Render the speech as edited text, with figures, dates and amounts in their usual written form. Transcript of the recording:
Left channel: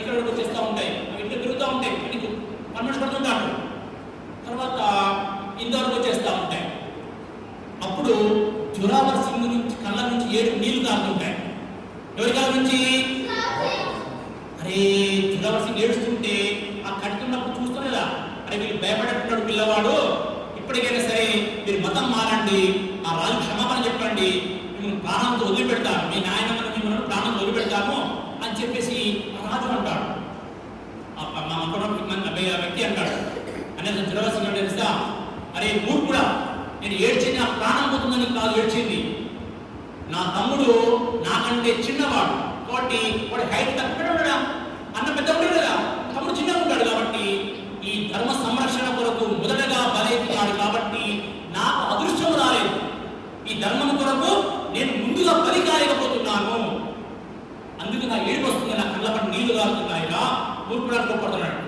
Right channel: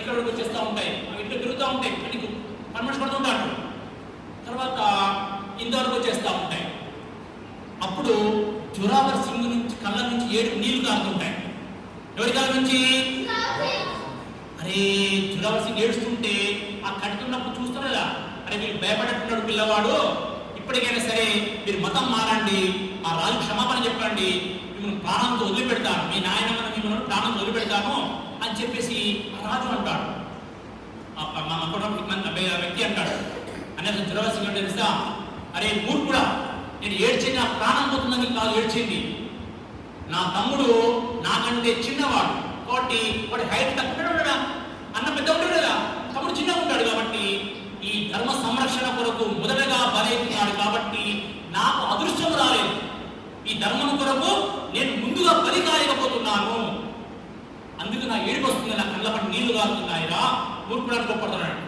ఇక్కడ వచ్చేస్తూ ఉంటాయి, అవి ఇట్లా తిరుగుతూ ఉంటాయి, అన్ని పర్మిషన్ పడుతుంటాడు. తర్వాత ఇంతవరకు వచ్చేస్తూ ఉంటాయి. అప్పుడు జోరావర్ సింగ్ నుంచి కళ్ళ నుంచి 7 నీళ్లు కారుతుంటాయి. ఎవరి కళ్ళ నుంచి? అరే జోరావర్ సింగ్ ఏడుస్తుంటే ఆ కట్టుకున్నప్పుడు చూస్తున్నారా, అరే వీళ్ళు భయపడేట్టున్నాడు పిల్లవాడు, ఇప్పటికైనా సరే మీరు మతం మారండి, ఆ రాజు క్షమాపణ చెప్పండి, మిమ్మల్ని ప్రాణంతో వదిలిపెడతాను, మీ నాయనమ్మను మిమ్మల్ని ప్రాణంతో వదిలిపెడతాను అని చెప్పేసి రాజు అంటాడు. వ్యక్తి అంటాడు. అనేది జోరావర్ సింగ్ అంటే తెలుసా, అరే మూర్ఖుడా, నేను ఏడ్చింది నా ప్రాణం పోతుందని కాదు ఏడ్చింది, నా తమ్ముడు నాకంటే చిన్నవాడు కాబట్టి వాడి హైట్ తక్కువ ఉండడా, అన్న పెద్ద ఉంటాడు కదా, తమ్ముడు చిన్నగా ఉంటాడు కాబట్టి ఈ ధర్మ సంరక్షణ కొరకు మొదటగా బలైతున్నాడు కాబట్టి నాకు అదృష్టం రాలేదు, ఈ ధర్మం కొరకు నేను ముందుగా బలి కాయకపోతున్నాను, అందుకు నా ఏడుపు వస్తుంది, నా కళ్ళ పట్టు నీళ్లు కారుతున్నాయిరా మూర్ఖుడానికి గొప్పడుతున్నాడు.